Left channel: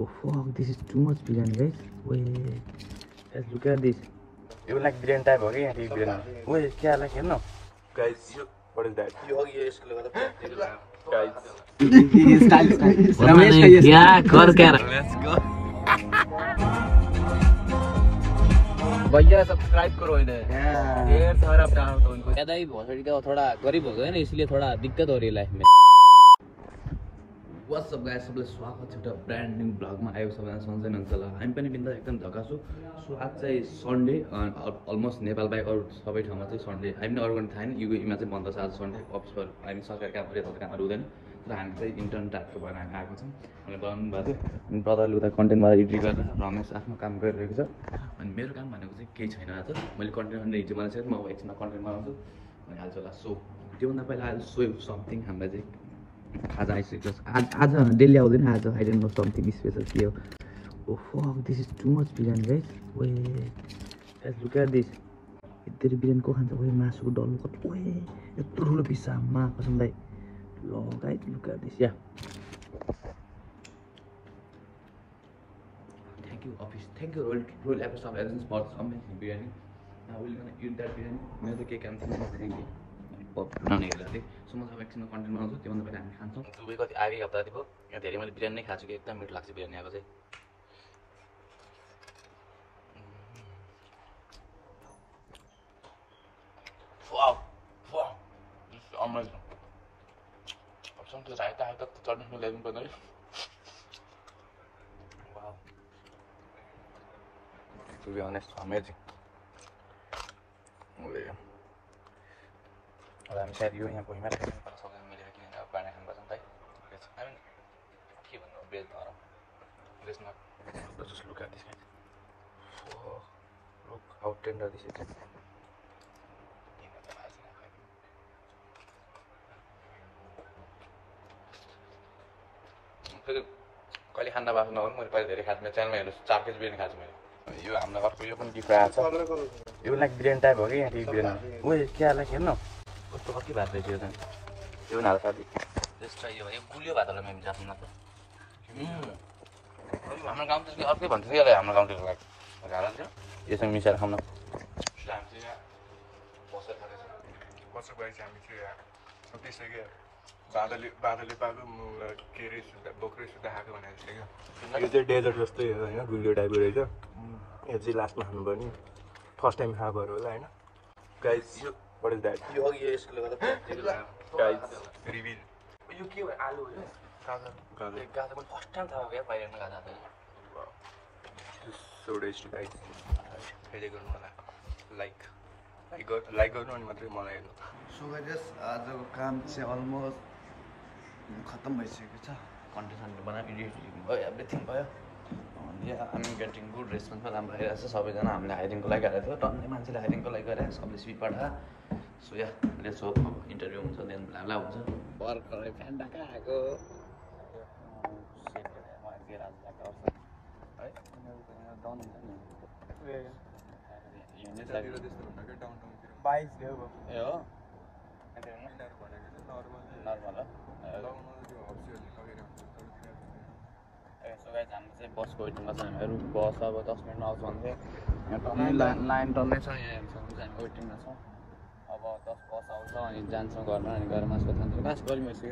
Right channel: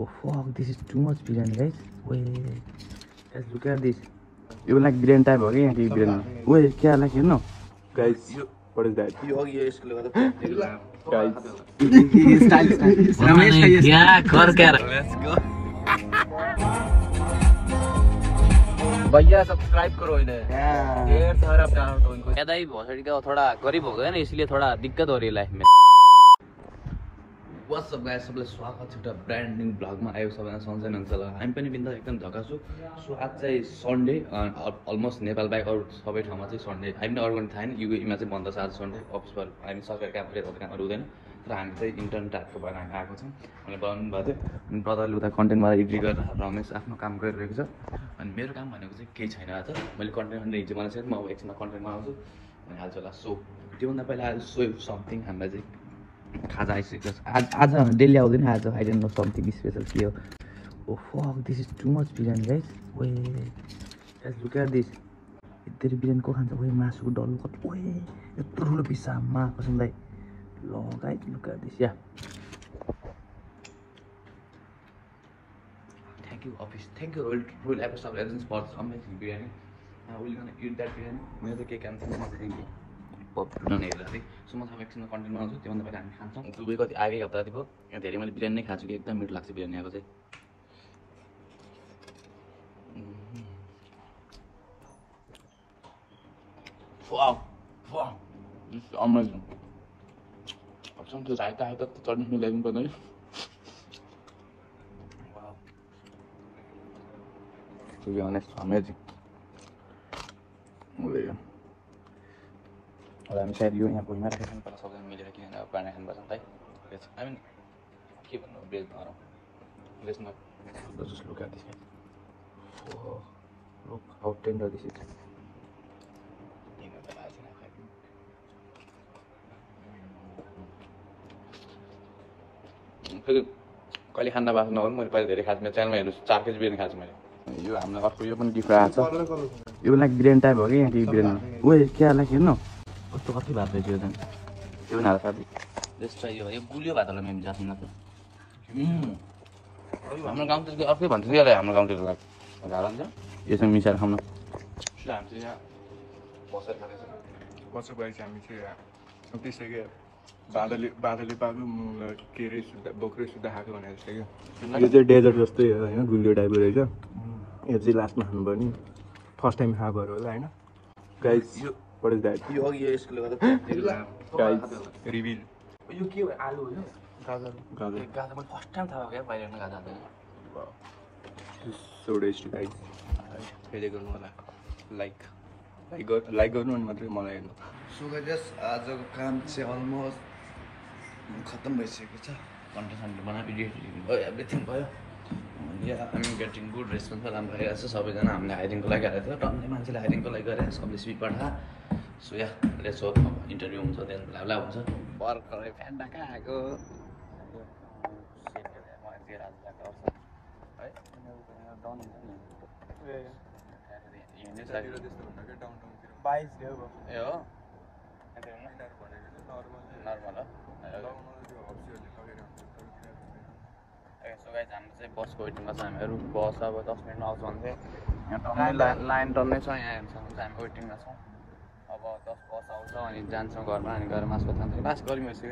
Oh fuck, this is too much biryani, guys. Wait, let's look at this. You like biryani type, okay? Biryani. Wait, क्या like no? Guys, what is that? Guys. Style. Yeah, let's go. भैया subscribe करो इन्हें ढेर सारा प्यार दो इनको। ज्यादा ही भोसड़ी का थोड़ा गरीब हो गया ना, इसलिए थोड़ा दिक्कत हो रही है लाइफ में। What's up guys, सबैलाई स्वागत छ एउटा ब्रान्ड न्यू ब्लगमा। आयो सबैजना सन्चै हुनुहुन्छ होला। हामी पनि बिन्दा एकदम झकास छु। सो आज चाहिँ सन्डे, अलमोस्ट नेपाल बाहेक अरू सबै ठाउँमा चाहिँ सन्डे। हामी अरू पनि थाहा नि, युएमा चाहिँ बन्द छ आज सन्डे। अफिसबाट हामी सरकारी कामहरू यताउता कामहरू हुँदैन, तर हामी चाहिँ इन्टर्न टाइपको भएर हामी आएको छौँ। मैले बनाउनु भएको थियो, अनि ब्रदरले उता कन्टेन्टबाट एडिट गरेर रमेश आफ्नो काम गरिरहेको छ। अनि मेरो काम भनेको चाहिँ केही छैन। आज मैले कन्टेन्ट हिजो बनाएको छु, म अब एकछिनमा कन्टेन्ट बनाउँछु अनि हाल्छु होला। सो त्योभन्दा पहिला आज सो समथिङ हामीलाई चाहिँ खाजा आइसकेको छ। आज डेली आउँदैन, आज I don't know something special के हो। Oh fuck, this is too much biryani guys. ओए लेट्स लुक एट दिस। यति बिरयानी को खान्छ? ओए मासुको डल्लो कति, ओए यत्रो ठुलो पिस मा कसमलाई। ल guys look at this. Yeah thank you office, thank you royal episode of legends for amazing biryani. Now will gonna eat that biryani. मेरो त के काम थियो म बनाउने हेर्दाखेरि। सो म सब एकछिनमा कन्टेन्ट बनाउँछु, त्योभन्दा पहिला हामी खान्छौँ। दुबई कति आगे हप्ता जति भयो, यहाँ धेरै मैले बिरयानी नै खान्छु कि एकदम मिठो लाग्छ बिरयानी आएको चाहिँ। अमेजिङ त्यो झाइता त चट्नी मिलाइदिनु पर्ने है। To be honest amazing. अब हामी सायद यो यहाँ भुइँमा राखेर पनि सबैजना मिलेर किनभने अब खाना खानुपर्छ नि त है। आई मिन के भन्नु, ब्रेड गरौँ। Let's not just look at this guys. Look how tender this is. फेरि कहिले खाना बाँच्नु नगर्नु, मैले पहिला धेरै खाएको मेरो च्यानलमा हेर्नु 4 केजी बिरयानी खाएको छु मैले। यो हामीलाई अर्को यो पनि गिफ्ट आएको छ। You like biryani type, okay? Biryani. ओए क्या लाइक हेर्नु कस्तो अर्कै भात रहेछ यो त। त्यो न हाल्छ। जस्ट ट्राई यो गुलियो भात होला मैले जान्छु न त। हाम्रो गाउँतिर के अर्कै भन्छ नि हाम्रो गाउँतिर लाइक गाला नि यसमा मिसाएर खाउँ न। हामी चाहिँ यहाँ बसेर खाँदैछ। बसेर गएपछि हामी चाहिँ यहाँ त्यसै बादली पाएको के अरे बोक्रे सुत्दा खाएको भनेर जस्तै क्या। यो चाहिँ डेजर्ट जस्तै हो होइन, गुलियो टाइपको रहेछ। यो चाहिँ लास्टमा खानुपर्ने, फर्स्ट टाइम खाएको होला होइन। Guys what is that? Guys, reveal. यो के हो? आलु होइन? गाजर गाजरमा फर्स्ट टाइम थाहा भयो बाहिर गाजा हाल्दैन। so tasty guys. फेरि गर्नु होला लाइक गर्नु अनि मात्रै मलाई हेर्नु। सो गाइस आजको काम चाहिँ अलमोस्ट खत्तम भइसकेको छ। कन्टेन्ट बनायो, एडिट भयो, एभ्रिथिङ भयो। हामी गेटिङ गुड रेस्पोन्स राम्रो भइरहेको छ। सबैजना हामीले हाइरिङको लागि गरेको थियो, टन्नै मान्छेले हाइरिङको लागि गरे, सबले स्विट पठा। So yeah let's hope interview हुन्छ, देन ब्ला हुन्छ। भर्खरै फ्यान्टा खाएको हामी चाहिँ बसको वेटिङमा छ। हामीहरू बस अब 10 मिनट आउँछ भन्थ्यो। यहाँ लाइन टन्नै छ, यहाँ हामी वेटिङमा छौँ। अब 10 बस आउँछ अनि जान्छौँ घरमा, अनि गएर मासु खान्छौँ। लास्ट गऱ्यौँ यसो।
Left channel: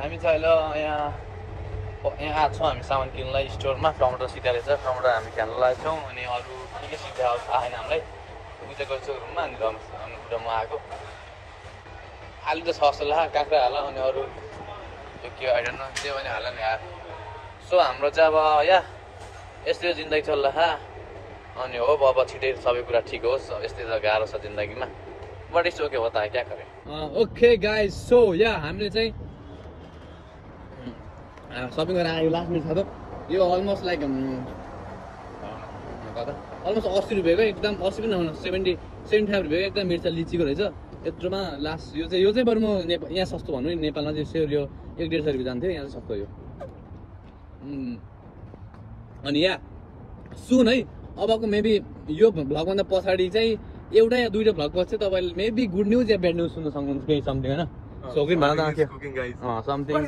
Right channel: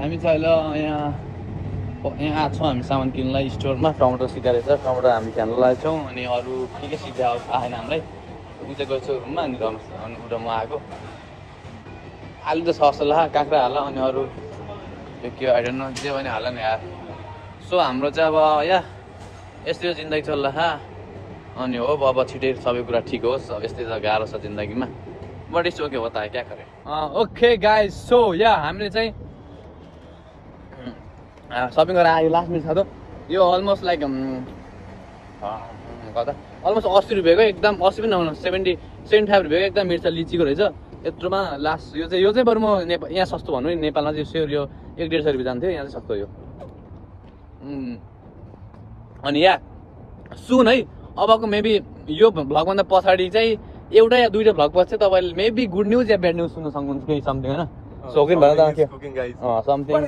हामी चाहिँ अहिले यहाँ आएको छौँ हामी सामान किन्नलाई स्टोरमा। टमाटर सिधा रहेछ, टमाटर हामी खान लागेको छौँ। अनि अरू के सिधा आएन हामीलाई। ऊ चाहिँ गएको छु रुममा, अनि उता म आएको। आलु त छ जस्तो ला, काँक्रा हाल, अनि अरू यो के आइडन जे पनि हाल नि यार। सो हाम्रो चाहिँ अब या यस्तै जिन्दगी चल्ला छ। अनि हो अब छिटै सबै कुरा ठिक होस्। अब यस्तै त गाह्रो छ जिन्दगीमा, बट इट्स ओके होता है, क्या करे। ओके गाइस, सो या हामीले चाहिँ सपिङ गरेर आयो। लास्ट मिनट छ त यो अलमोस्ट लाइक कता अलमोस्ट 80 रुपियाँको, एकदम 80 पनि नहुनु 75 रुपियाँको एकदम मिर्चा लिचीको रहेछ यत्रोमा। लास्ट यो चाहिँ बरु म यहाँ सस्तो भन्नु नि, नेपालमा चाहिँ सेयर यो 1-150 रुपियाँ जान्थ्यो, यहाँ चाहिँ सस्तो यो। अनि या सुन है, अबको मेबी यो भ्लगभन्दा पछाडि चाहिँ एउटा या दुईवटा भ्लग पछि तपाईँले मेबी गुड न्युज या ब्याड न्युज सुन्न सक्नुहुन्छ, केही समथिङ होइन। सोकिन भएर त के समथिङ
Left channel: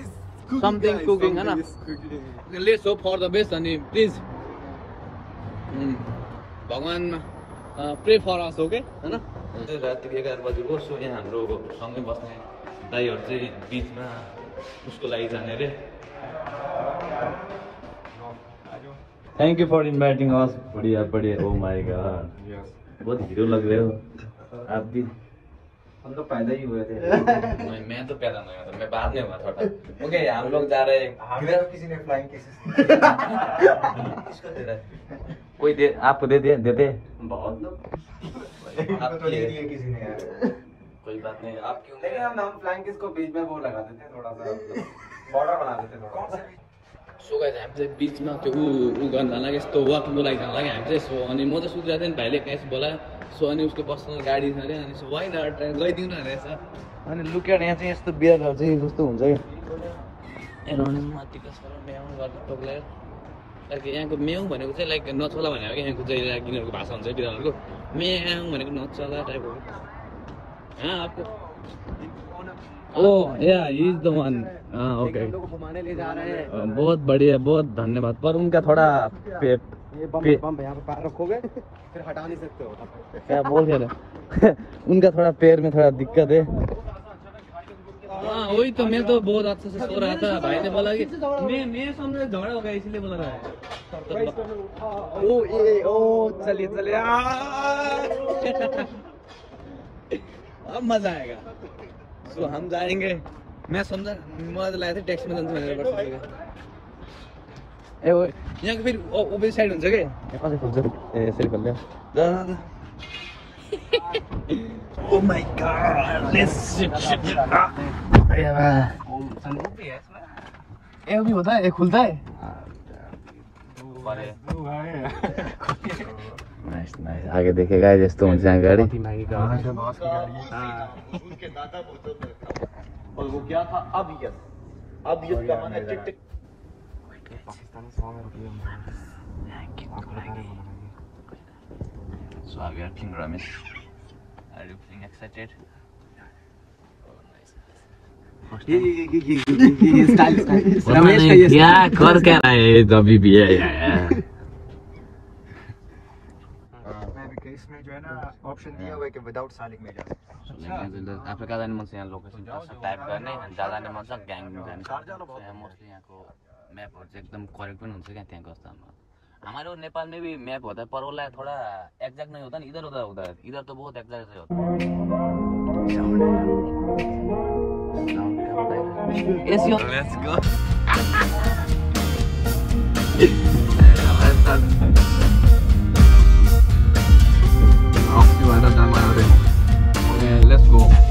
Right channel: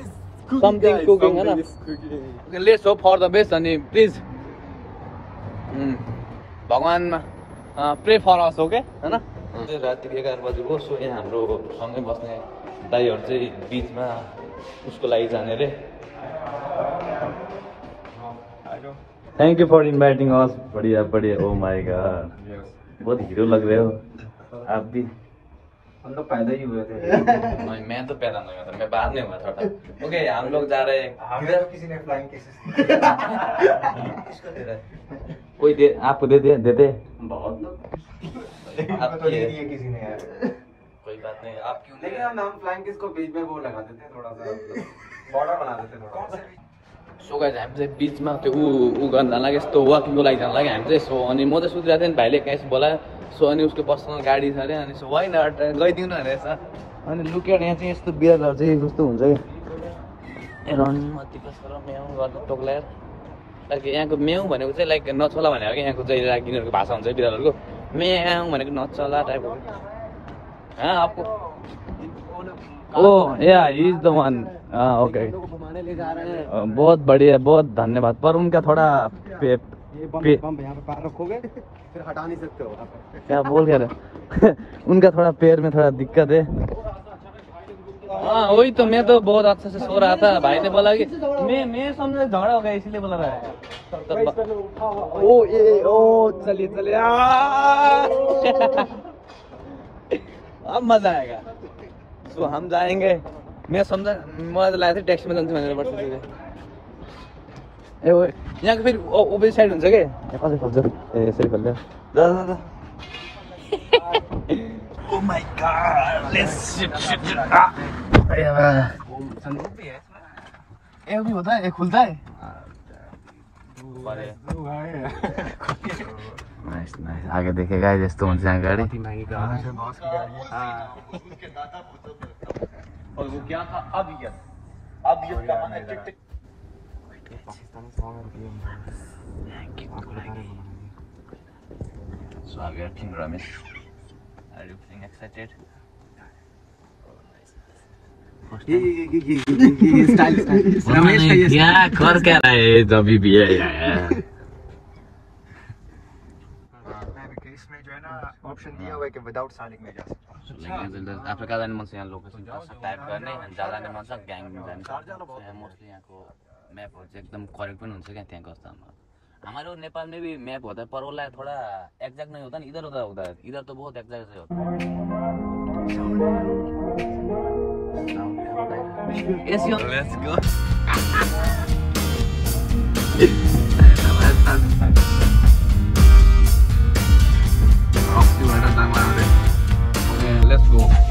समथिङ कुकिङ होइन let's hope for the best अनि प्लिज भगवान्मा प्रे फर अस हो के होइन राति 11 बजी हो सो यहाँ हाम्रो सँगै बस्ने दाइहरू चाहिँ बिचमा उसको लागि जाने अरे thank you for inviting us बढ़िया बढ़िया ओ माय गॉड बहुत हीरो लग रहे हो आप भी हम तो पैदा ही हुए थे नहीं मैं तो पैदा नहीं हुआ था मैं बाद में हुआ थोड़ा ओके हम लोग जा रहे हैं हमें तो किसी ने फ्लाइंग केसेस किसको दे रहा है कोई दे आपको दे दे देते बहुत लोग आप तो नहीं दिए किसी ने यार कोई बात नहीं आप क्यों लेकिन हम फ्लाइंग केस को बीच में वो लगा देते थोड़ा सा बॉर्डर बना देते थोड़ा सो गाइस हामी चाहिँ बिचमा त्यो ऊ गर्न जान लाग्यो यस्तो वाकिङको लागि जान लाग्यो हामी चाहिँ सो अनि म चाहिँ सुतिरहेको थिएँ भाइले कहीँ बोलायो सो अनि उसको पर्सनल गाडी छ अरे अनि सो होइन गइदिउँ न रहेछ अनि लुकेर यहाँ चाहिँ यस्तो बिहारहरू चाहिँ कस्तो हुन्छ कि रणमती कस्तो म्याउ गर्दा टोक्लायो लाइक यहाँको म्याउ भनेको चाहिँ लाइक नचला भनेको कि यहाँको चाहिँ यिनीहरूको भाषा हुन्छ बिरालोहरूको म्याउ भनेको नचला टाइपको आपको oh yeah he is the one okay घुमाने ले जा रहे हैं बहुत बढ़िया बहुत धन्यवाद पर उनका थोड़ा रखोगे फिर हटा नहीं सकते हो क्या बोल क्या रहे उनका थोड़ा पैर में थोड़ा दिक्कत है हाँ वही तो मैं तो बहुत अच्छे से सो रहा था भाई ने बोला कि मैं समझा झगड़ा हो गया इसलिए बोला रहा है ओ ये ओ चलिए चलिए अब मजा आएगा तो हम जाएंगे मैं समझा मैं लाया था टैक्सी में जान्छु भनेर बस्छु ए यहाँको फेरि ओपोजिट साइड हुन्छ के कसरी खोल्छ ए यसरी खोल्छ oh my god let's shit संदूक भी है इसमें ए भी होता है एक खुलता है नाइस नाइस आगे देखेगा जस्तो हुन्छ यहाँ गाडी और वो क्या था अबियत का माने टिक टिक Pakistani song So we are King Ramesh. Are you feeling excited? ये स्टाइल रमेश का ये क्या कर क्या रहा है जब भी है इसमें जो है ना ऑप्शन दिया हुआ है कि विदाउट सालिक में जा आफ्नो कहाँ जाने मन छ यहाँ लोकेसन टाइप गर्ने अनि जहाँ जाने मन छ ग्याङ जाने यहाँ मोस्टली यहाँको म्यापहरू चाहिँ एकदम करेक्ट पनि हुन्छ क्या त्यहाँ कस्तो हमारे नेपाल में भी मैप होता है पर वो थोड़ा एग्जैक्ट नहीं होता ना इधर उधर होता है इधर तो बहुत एग्जैक्ट से होता है लेट्स गो लेट्स गो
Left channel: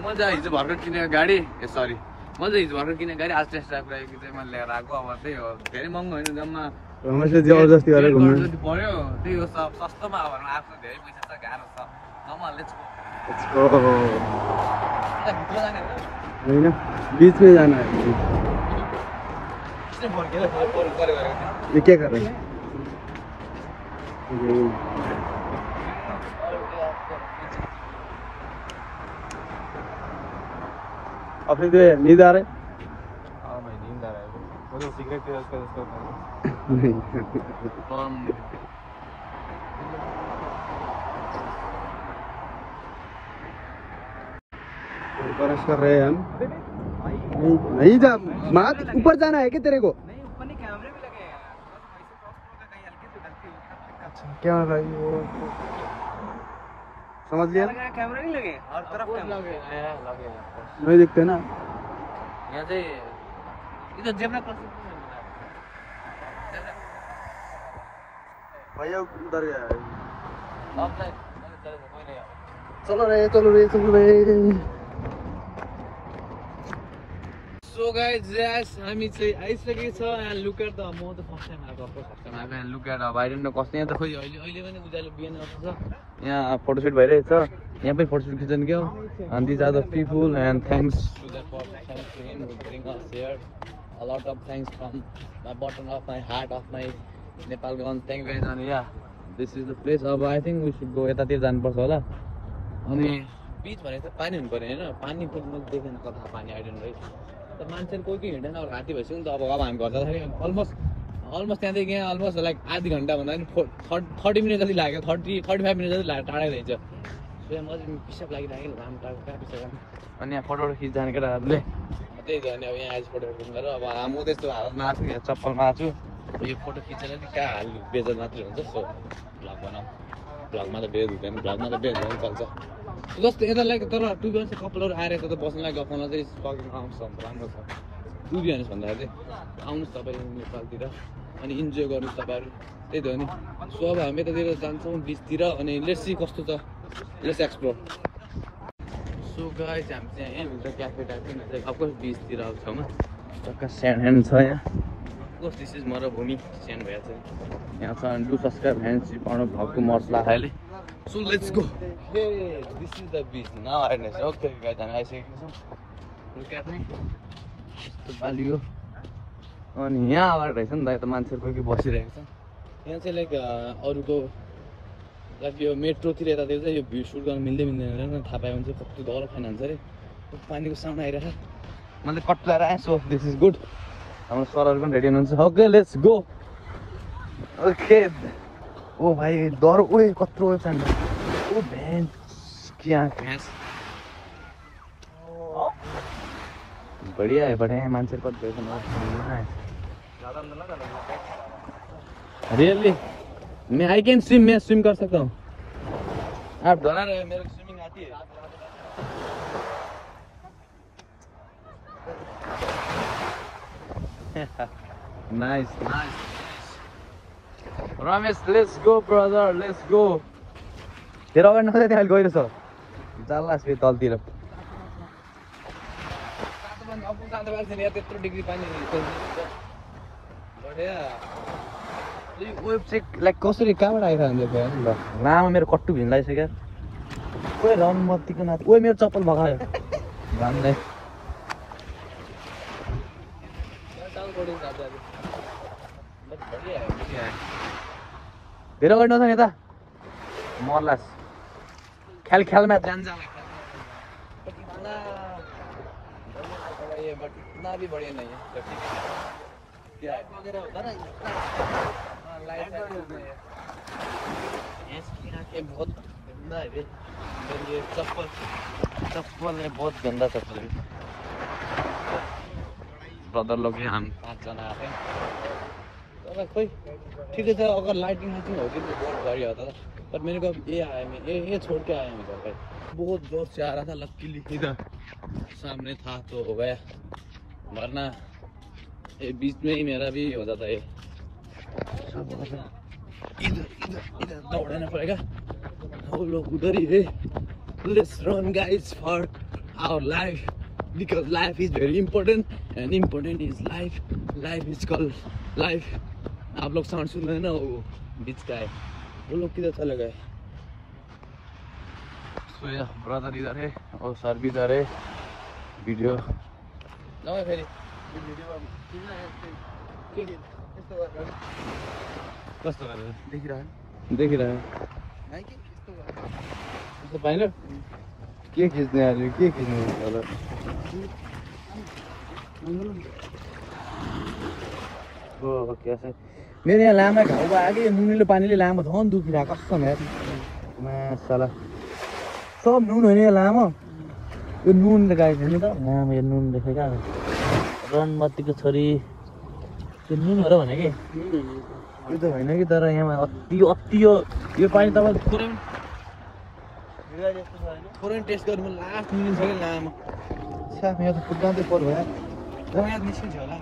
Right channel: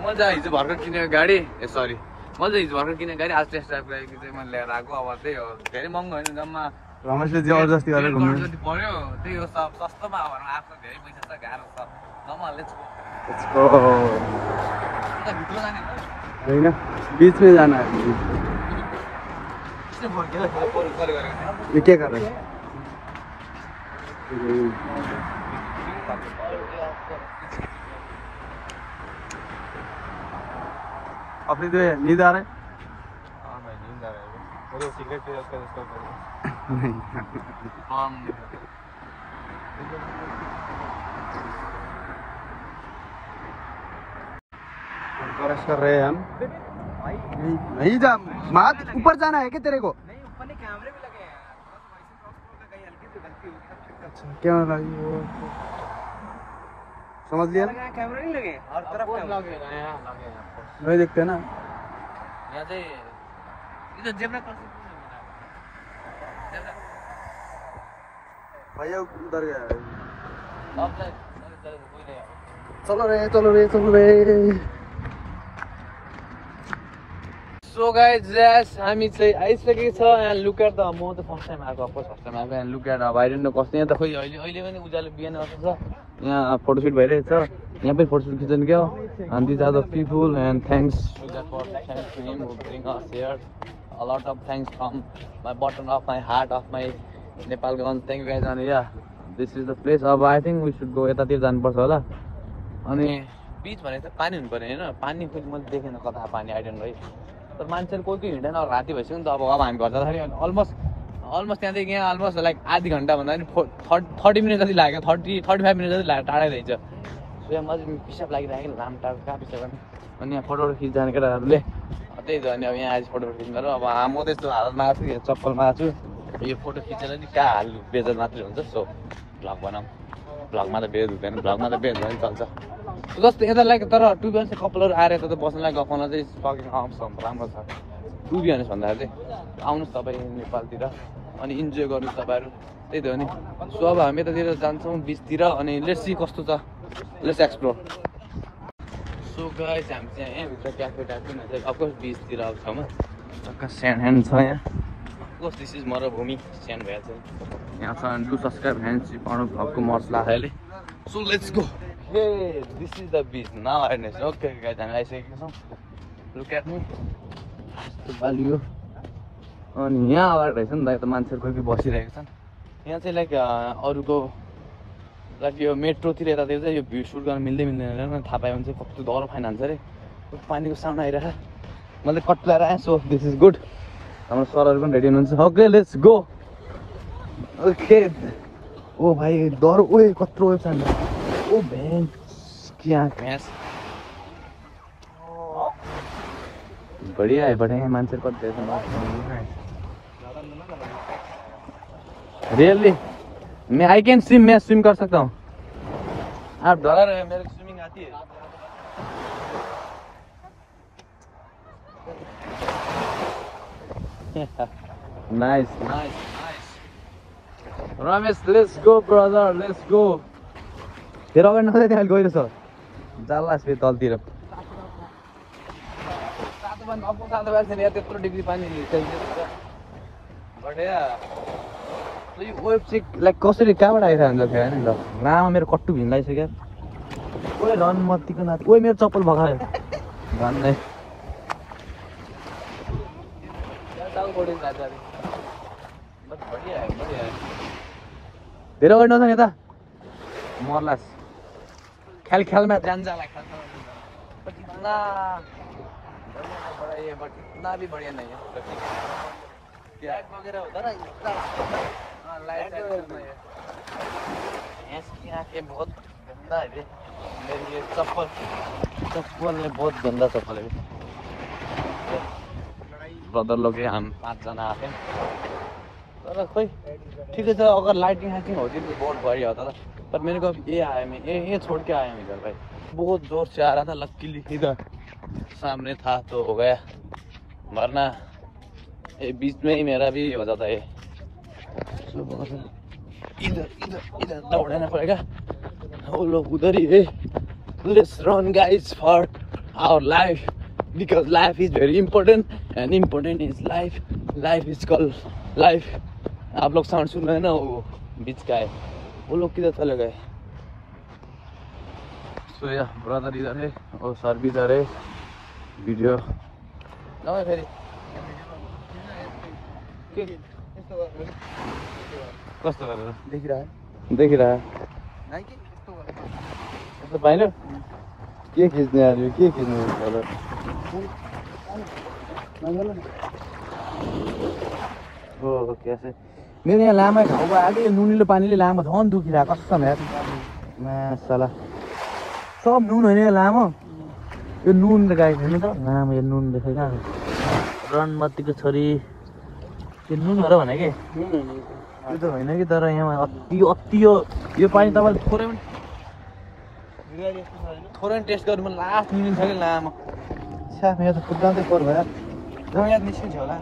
मैले चाहिँ हिजो भर्खर किनेको गाडी ए सरी मैले चाहिँ हिजो भर्खर किनेको गाडी आज टेस्ट ड्राइभ गरेको चाहिँ मैले लिएर आएको अब त्यही हो धेरै महँगो होइन जम्मा रमेशले जबरजस्ती गरेर घुम्नु पर्यो त्यही हो सब सस्तोमा अब आफ्नो धेरै पैसा छ गाह्रो छ जम्माले होइन बीचमै जाना है ये क्या कर रहे हैं अपनी तो नींद आ रहा है? हाँ मैं नींद आ रहा है मुझे सिगरेट है उसका इसको नहीं ब्रश कर रहे हैं हम। नहीं जा मात ऊपर जाना है कि तेरे को? नहीं ऊपर नहीं कैमरे भी लगे हैं कहीं हल्की से गलती अच्छा क्या समझ लिया? कैमरे नहीं लगे हर तरफ लगे वही देखते हैं ना। यहाँ से इधर जेब्रा क्रॉसिंग भैया उधर गया। अब चलो रे So guys, yes, हामी चाहिँ आइसकेको छ यहाँ लुक एट द म त फर्स्ट टाइम आएको फर्स्ट टाइम आएको यहाँ लुक एट अब आइडेन्ट कस्तो यहाँ त खोइ अहिले पनि उज्यालो बिहान आएको छ यहाँ फोटोसुट भइरहेको छ यहाँ पनि फोटोसुट खिच्नु क्या and these are the people and thanks to the production team who bring us here a lot of thanks from my bottom of my heart of my Nepalganj thank you guys and yeah this is the place अब I think we should go यतातिर जानुपर्छ होला अनि बिच भनेको चाहिँ पानी हुनु पर्ने हैन पानी फेरि मैले देखेन कता पानी आइडेन्ट है तर मान्छेहरू कोही कोही हिँड्दैन अब राति भइसक्यो नि त अब हामी घर जाँदाखेरि अलमोस्ट त्यहाँदेखि यहाँ अलमोस्ट लाइक आधी घन्टा भन्दा पनि 30 मिनट जति लाग्यो 35 मिनट जति लाग्यो टाढै रहेछ सो यहाँ मजाले पिसाब लागिरहेको लामो टाढो कहाँ पिसाब गर्ने अनि यहाँ फोटोहरू खिच्दैन केटाहरूले त्यही त अनि अब यहाँ आज फोटोहरू खिच्नु र अब म त्यस्तो हालतमा आएको छु चप्पलमा आएको छु यो फोटो खिचेर नि कहाँ हाल्नु बेजर मात्रै हुन्छ सो भ्लग बनाऊ भ्लगमा त बेज हुँदैन भ्लगमा त बेज भयो नि चल्छ जस्तो यता लाइक तर टु बी अनेस्ट कपालहरू आएर यता त बस्नलाई गफाउन चाहिँ सकिङ राम्रो छ टु बी अनेस्ट भन्दाखेरि चाहिँ आउनुहोस् तपाईँ नेपालतिर अनि इन्जोय गर्नुहोस् तपाईँहरू त्यही त हो नि सो अब हामी यतातिर जान्छौँ बिचतिर अनि लेट्स सी कस्तो छ लेट्स एक्सप्लोर सो गाइस हामी चाहिँ यहाँभित्र क्याफे टाइपको चाहिँ अफकोर्स बिचतिर अब छेउमा स्यान्ड ह्यान्ड छ यहाँ अफकोर्स दिस इज मरुभूमि स्यान्ड भएर चाहिँ यहाँ छ डु सब्सक्राइब ह्यान्ड सिपाउनु भएको मसला अहिले so let's go Hey, this is the beach now and it's okay guys हामी आइसकेको छौँ लुक एट मी value अनि यहाँ आएर रहेछ नि त मान्छेहरू कोही कोही बसिरहेको छन् यहाँ चाहिँ लाइक अरूको लाइक यो मेट्रोतिर यतातिर चाहिँ यो भिड सुट गर्न मिल्दैन थाहा पायो भने चाहिँ कस्तो डर फाइन हान्छ अरे पानीको साउन्ड आइरहेको मैले कट लगाएर आएँ सो दिस इज गुड हाम्रो सरहरू पनि रेडी हुनुहुन्छ ओके लेट्स गो ओके ओ भाइ डर उयो कत्रो वेब छ ओ भैंस क्या भैंस बढ़िया है मान्छे कति रियली मैं आई कैन स्विम मैं स्विम कर सकता हूँ आप डरा रहे मेरे को स्विमिंग आती है nice nice nice Ramesh let's go brother let's go तेरो अगाडि नखोज्दै त्यहाँ गइरहेछ जाला फेरि तलतिर त्यत्रो डिग्री पानी वेब चाहिँ लाइक कसरी कहाँबाट आइरहेको हुन्छ फेरि होइन आमा मेरो कट्टु भिङ लागिसक्यो ओए रन मत्तीको नाथ ओए मेरो चप्पल भगायो भन्दै धेरै अगाडि नजाने त मर्ला खेल में जान जाला बट इतना बढ़िया बट इतना भी बढ़िया नहीं है क्या वगैरह होता ना इतना लाइट की आंखें बहुत गंदा है ये चप्पल नहीं बहुत गंदा चप्पल है ब्रदर लोग हम 5 जना आते हैं तर खोई ठीक है सर अगर लाइटिंग हाइटिंग होती तो बहुत बढ़िया होता था पर मेरे को ये आया मैं ये छोड़ के आया मैं इधर भाई बहुत जोर से आ रहा था लकीली इधर सामने था तो हो गया वरना ये बीच में ही मेरा भी हो जाता है इधर इधर इधर दौड़ना पड़ेगा वो लोग उधर ही है let's run guys for our life because life is very important and important is life is called life आप लोग साउंड सुन रहे हैं ना वो बीच का है वो लोग किधर चले गए सो या ब्रदर इधर है और सर भी इधर है वीडियो फेरि कस्तो गरेर देखिरह देखिरह पाइलो के खिच्ने आज के खिच्ने हो कैसे मेरो यहाँ लामा खाउको आगे नुनिलो पानीले लामा झन् दुखिरहेको कसम यार मासला सब नुन होइन यो लामो यो नुन गाई खाने त लामो यो नुन देखेका रनमतीको छोरी त्यो नुन हो र भने के त्यो त होइन कि तर यहाँ अति यो पानी तपाईँले थोरै टेस्ट गर्नु मन लास्ट नुन छ कि लामो साफ यहाँ त कुदाउँदै पर भयो याद निस्किन्छ होला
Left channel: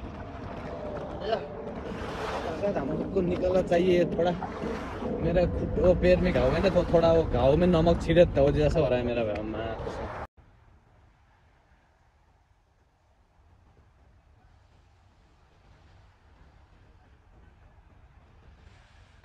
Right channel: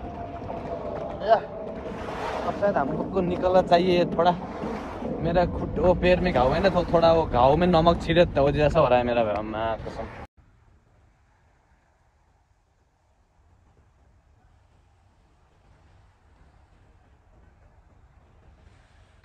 शायद हमको निकलना चाहिए थोड़ा मेरा वो पैर में घाव है ना तो थोड़ा वो घाव में नमक छिड़े तो जैसा हो रहा है मेरा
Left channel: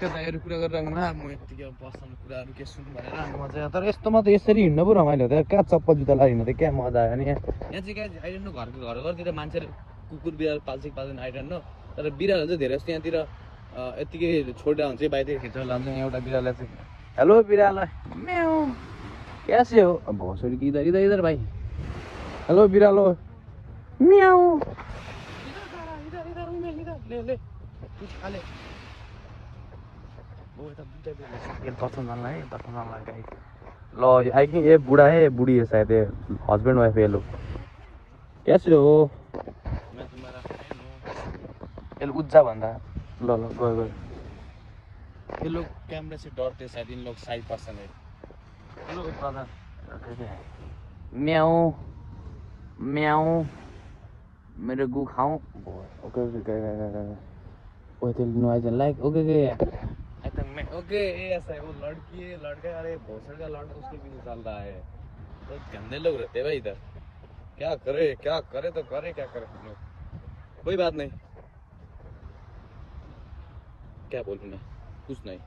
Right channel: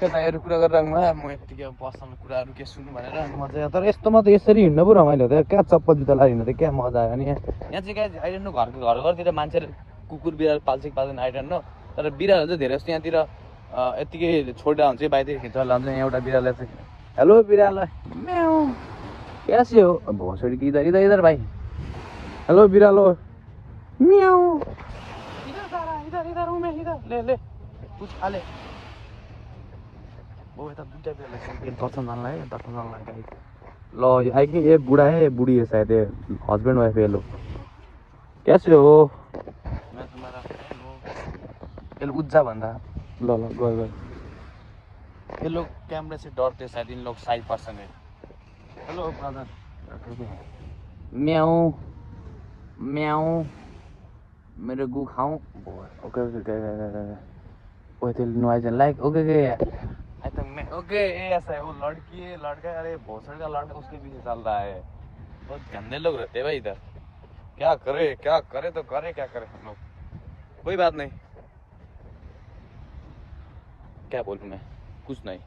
दाइहरू कुरा गरेर म यतिकै पर्सनल कुराहरू के सुन्नु भनेर अनि म चाहिँ तर यस्तोमा त यसरी हिँड्नु पो रमाइलो थियो क्या चप्पल जुत्ता लगाएर हिँड्नु थियो क्या मजा आयो अनि यहाँ चाहिँ क्या आइरहनु घरतिर मान्छेहरू कुकुर बिराल पाल्छ कि पाल्दैन आइरहनु तर बिरालहरू चाहिँ धेरै जस्तो यहाँतिर यतिकै छोडेर हुन्छ बाहिर खिचेर लान्छ एउटा बिरालले चाहिँ हेलो बिराल कैसे हो भोसडी कि इधर इधर इधर भाइ हेलो बिरालो म्याउ इधर इधर हूं मैं इधर ले ले कुछ खा ले वो यता दुईटा बिरालले दर्शन जानु है दर्शन जानु ल है कि ये बुढा है ये बुढी है शायद ये हस्बैंड वाइफ ये लोग कैसे हो मैं तुम्हारा ये उज्जा भन्दा ल गयो ये लोग कैमरे से डरते शायद इन लोग साइड पर्सन है हेलो ब्रदर म्याऊ म्याऊ मेरे गु खाऊं ओके ओके ओके तेल noise like okay okay I think मैं ओके ऐसा है वो लड़की लड़का अरे भोसड़ का लड़का उसके पीछे चल रहा है तो गंदे लोग रहते हैं भाई इधर क्या करे तो करे क्या करे हम लोग कोई बात नहीं क्या बोलूं मैं कुछ नहीं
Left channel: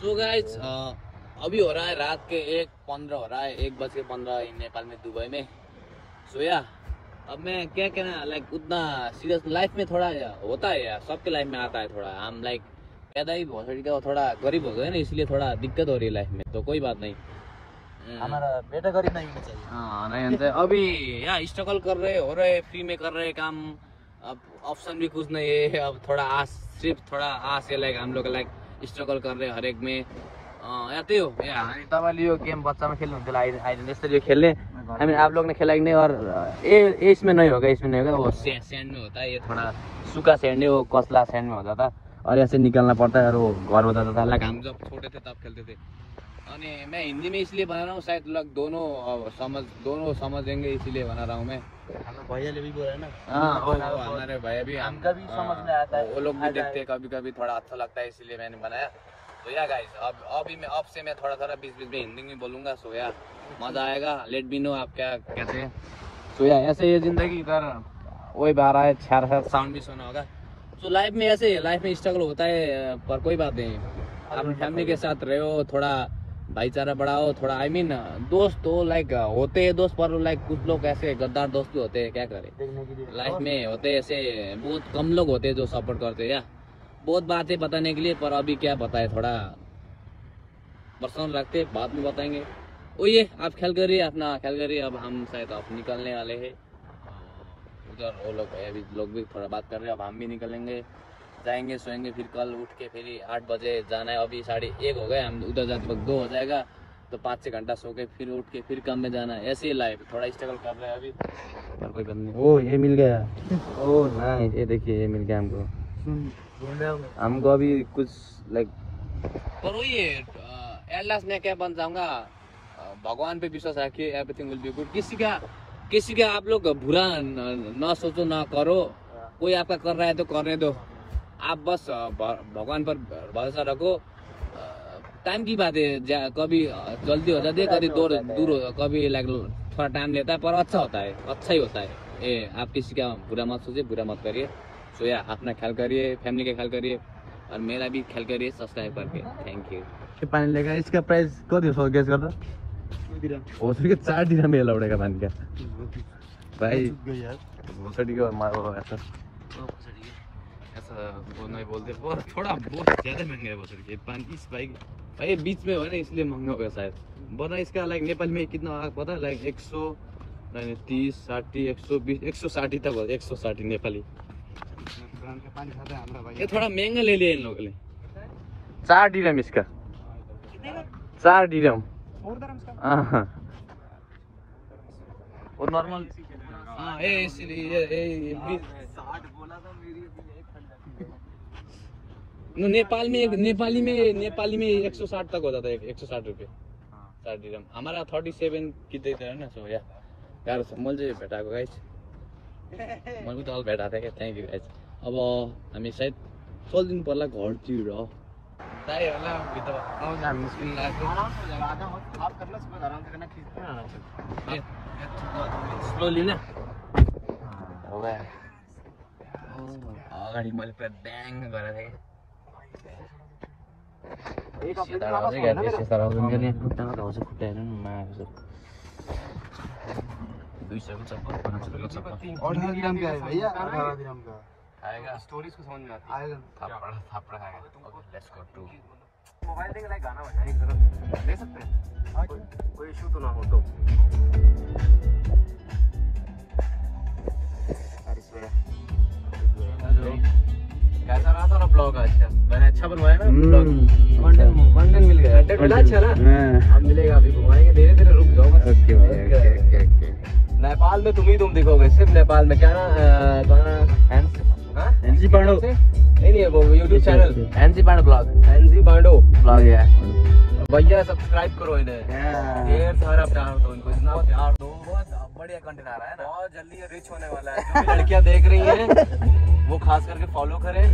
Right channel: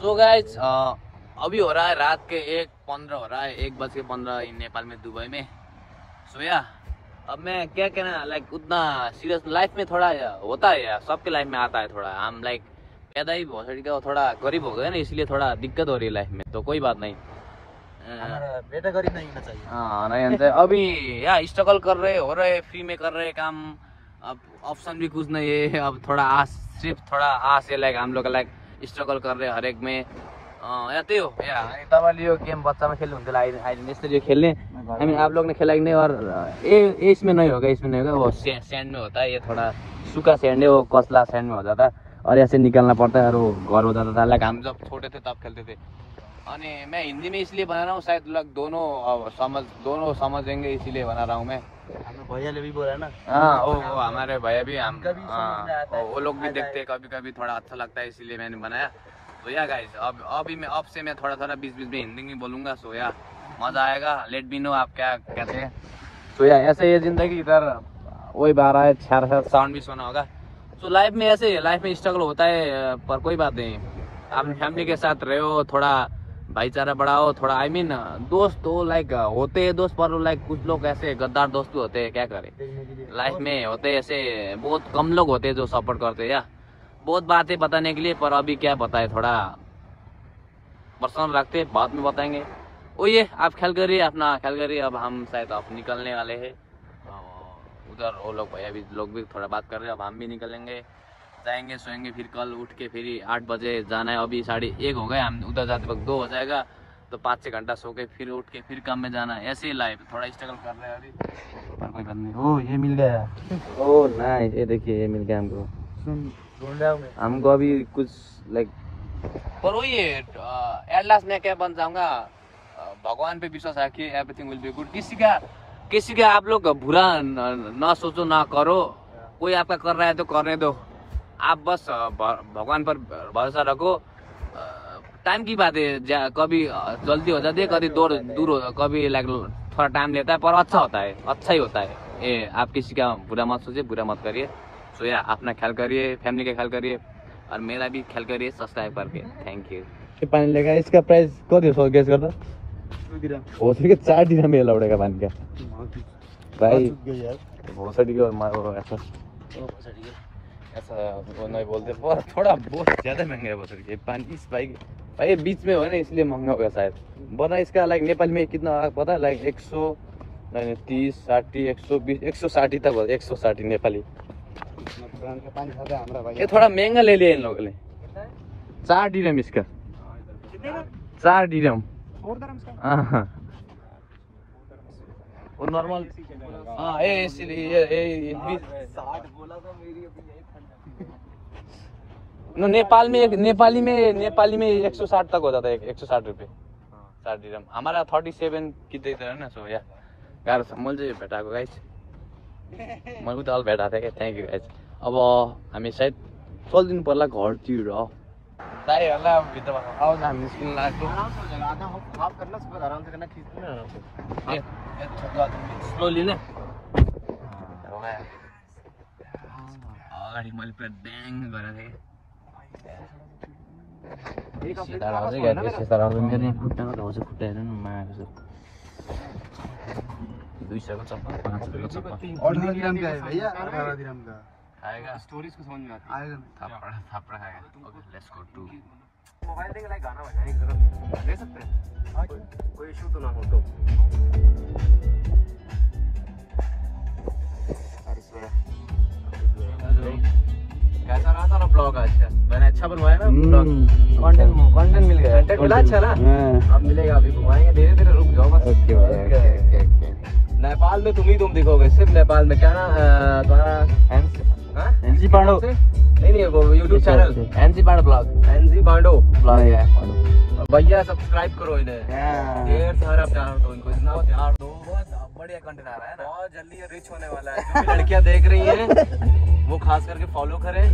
सो गाइस अभी हो रहा है रात के 1:15 हो रहा है 1:15 नेपाल में दुबई में सोया अब मैं क्या कहना लाइक उतना सीरियस लाइफ में थोड़ा होता है यार सबके लाइफ में आता है थोड़ा हम लाइक पैदा ही भोसड़ी का थोड़ा गरीब हो गए ना इसलिए थोड़ा दिक्कत हो रही है लाइफ में तो कोई बात नहीं बेटा गरीब नहीं होना चाहिए हाँ नहीं होता है अभी यार स्ट्रगल कर रहे हो रहे फ्री में कर रहे काम अब ऑप्शन भी कुछ नहीं है अब थोड़ा आस सिर्फ थोड़ा आस है लाइक हम लोग लाइक स्ट्रगल कर रहे हरेक में यहाँ त्यही हो यहाँ अनि तपाईँले यो गेम बच्चामा खेल्नुहुन्थ्यो आइदिनु यसरी खेल्ने हामी आप लोग ने खेला कि नहीं और ये इसमें नहीं होगा इसमें नहीं होगा वो सैंड में होता है ये थोड़ा सूखा सैंड है वो कसला सैंड में हो जाता है और ऐसे निकालना पड़ता है और वो घर हो जाता था लाइक हम जब छोटे थे तब खेलते थे अनि मैं हिंदी में इसलिए बना रहा हूँ शायद लोग दोनों समझेंगे इसीलिए बना रहा हूँ मैं भैया ने भी बोला ना हाँ वो हमारे भैया भी हम वो लोग भी देखते हैं कभी कभी थोड़ा अच्छा लगता है इसीलिए मैंने बनाया तो या गाइस अब से मैं थोड़ा बीच में हिंदी में बोलूंगा सो या मजा आएगा लेट मी नो आप क्या कहते हैं तो या ऐसे ये जिंदगी इधर वही बारह है 6 साउंड भी सुना होगा तो लाइफ में ऐसे लाइफ में स्ट्रगल होता है पर कोई बात नहीं आप फैमिली के साथ रहे हो थोड़ा भाईचारा बढ़ाओ थोड़ा आई मीन दोस्त तो लाइक होते हैं दोस्त पर लाइक कुछ लोग ऐसे गद्दार दोस्त भी होते हैं क्या करें लाइफ में होते ऐसे बहुत कम लोग होते हैं जो सपोर्ट करते हैं या बहुत बातें बताने के लिए पर अभी क्या बताए थोड़ा पर्सनल रखते बाद में बताएंगे ओ ये आप ख्याल करिए अपना ख्याल करिए अब हम शायद अब निकलने वाले हैं उधर वो लोग भैया भी लोग भी थोड़ा बात कर रहे हैं अब हम भी निकलेंगे जाएंगे सोएंगे फिर कल उठ के फिर 8 बजे जाना है अभी 1:30 हो गए हम उधर जाते वक्त 2 हो जाएगा तो 5-6 घंटा सो के फिर उठ के फिर काम में जाना है ऐसे ही लाइफ थोड़ा स्ट्रगल कर रहे हैं अभी पर कोई बात नहीं ओ ये मिल गया ओ नाइस ये देखिए ये मिल गया हमको अभी कुछ लाइक पर वही है एट लास्ट मैं क्या बन जाऊंगा भगवान पे विश्वास रखिए एवरीथिंग विल बी गुड किसी का आप लोग बुरा ना सोचो ना करो कोई आपका कर रहा है तो करने दो आप बस भगवान पर भरोसा रखो टाइम की बात है कभी जल्दी हो जाती है कभी दूर हो कभी लाइक थोड़ा टाइम लेता है पर अच्छा होता है अच्छा ही होता है ये आप किसी का बुरा मत सोचिए बुरा मत करिए तो या अपना ख्याल करिए फैमिली का ख्याल करिए और मेरा भी ख्याल करिए सब्सक्राइब करके थैंक यू पानी लेगा इसका प्राइस कति हो गेस गर्दा हो सके 4 दिन में लौड़ेगा पानी का प्राइस भोसड़ी को मारो ऐसा ऐसा वो नहीं बोलते पर थोड़ा बहुत ज्यादा महंगा है भोसड़ी के पानी इस भाई भाई बीच में हो ना इसलिए महंगा होगा शायद। बता इसका लाइक नेपाली में कितना पता है? लाइक 130, 60, 120, 160 तक हो। 160 नेपाली। ये थोड़ा महंगा ले लिया इन लोगों ने। 4 dirham इसका। 4 dirham। नॉर्मल। हाँ ये इसलिए ये 60 बोला तो मेरी नेपाल में नेपाली में 160 तक हो जाता है। 160 रुपये 4 dirham। हमारा 37 कितने है ना। सो या गाह्रो छ। मैले चाहिँ भेटाएको गाइस। मैले त अल भेटाएको थिएँ क्या। Thank you guys. अब हामी सायद चलिदिनु पर्ला घरतिर। साई होला भित्रमा आउन हामी निस्किनु लाग्यो। स्लोली नै अगाडि मैले पुरा ब्याङ गरेको थिएँ। स्टोरीज को समझ में आता है। थप्पड़ खाएगा। Okay let's go to. Mobile देंगे लाइक गाना बजा रही है, ले सकते हैं कोई इशू तो ना हो तो। कैसा रहा था ब्लॉग? अच्छा मैंने अच्छा बनवाया ना ब्लॉग। कंटेंट मिल गया। कंटेंट मिला अच्छा ना। अब मिलेगा, अभी घुमाएंगे धीरे धीरे। रुक जाओ बस। नेपाल में तुम दिखोगे सिर्फ नेपाल में। क्या ना एनजी पांडो। नहीं वो YouTube channel NG Pando blog. NG Pando blog है भैया। सब्सक्राइब करो इन्हें। ढेर सारा प्यार दो इनको। इतना प्यार दो। बहुत बढ़िया कंटेंट आ रहा है ना। बहुत जल्दी रिच होने वाला है। जो लड़कियां देख रही हैं वो खास करके फॉलो करें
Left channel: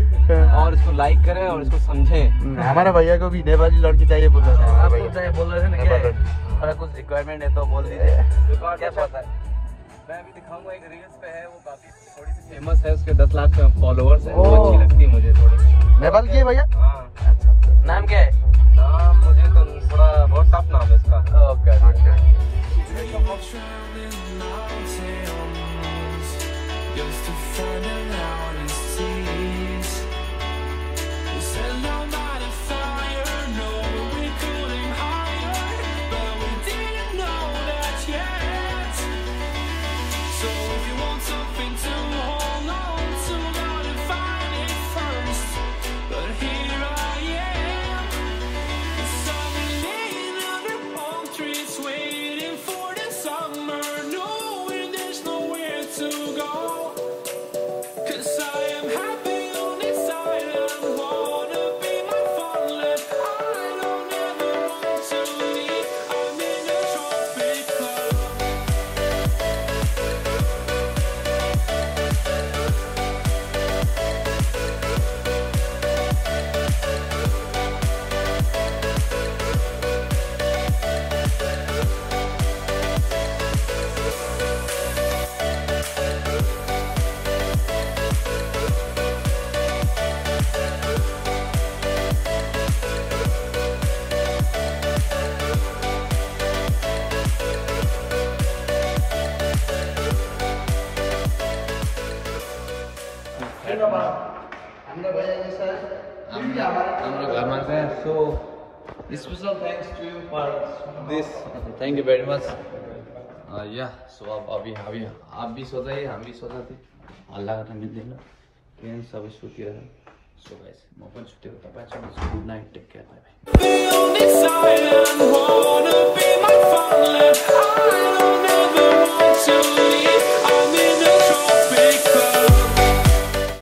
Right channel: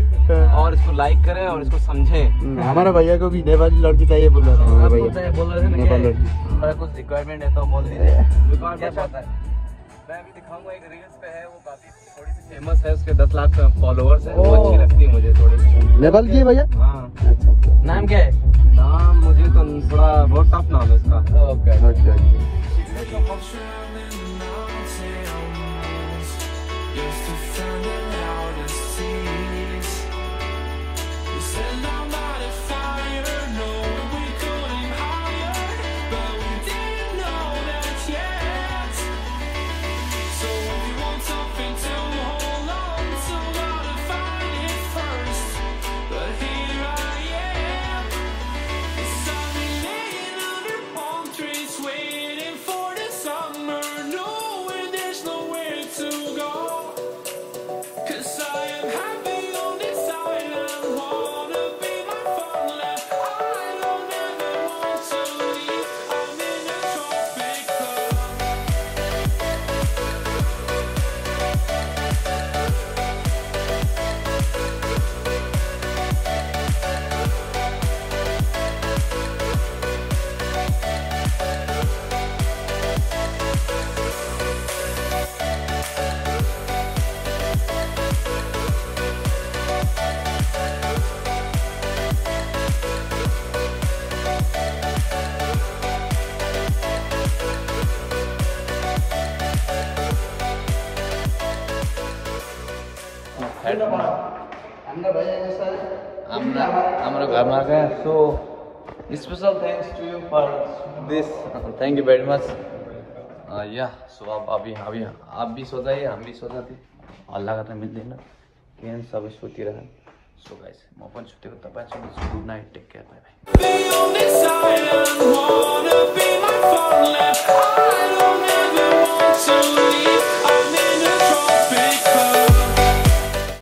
और इसको लाइक करें और इसको समझे। हमारा भैया को भी नेपाली लड़की चाहिए बोल रहा था। बोल रहे थे नेपाल लड़की। थोड़ा कुछ रिक्वायरमेंट है तो बोल दीजिए। क्या पता है? मैं अभी दिखाऊंगा एक रील्स पे है, वो काफी थोड़ी सी फेमस है। उसके 10 लाख फॉलोअर्स हैं। वो अच्छी लगती है मुझे थोड़ी। नेपाल की है भैया? हाँ। नाम क्या है? नाम मुझे तो थोड़ा बहुत टफ नाम है उसका। Okay okay. हाम्रो घरमा गए। So special thanks to you for this. Thank you very much. Yeah so अब अभी आप भी सो जाइए, हम भी सो जाते। हल्ला गर्न मिल्दैन किन सबै सुतिरह। सो गाइस म पनि सुतेको, तपाईँ सुन्नुहोस्। Good night, take care, bye by.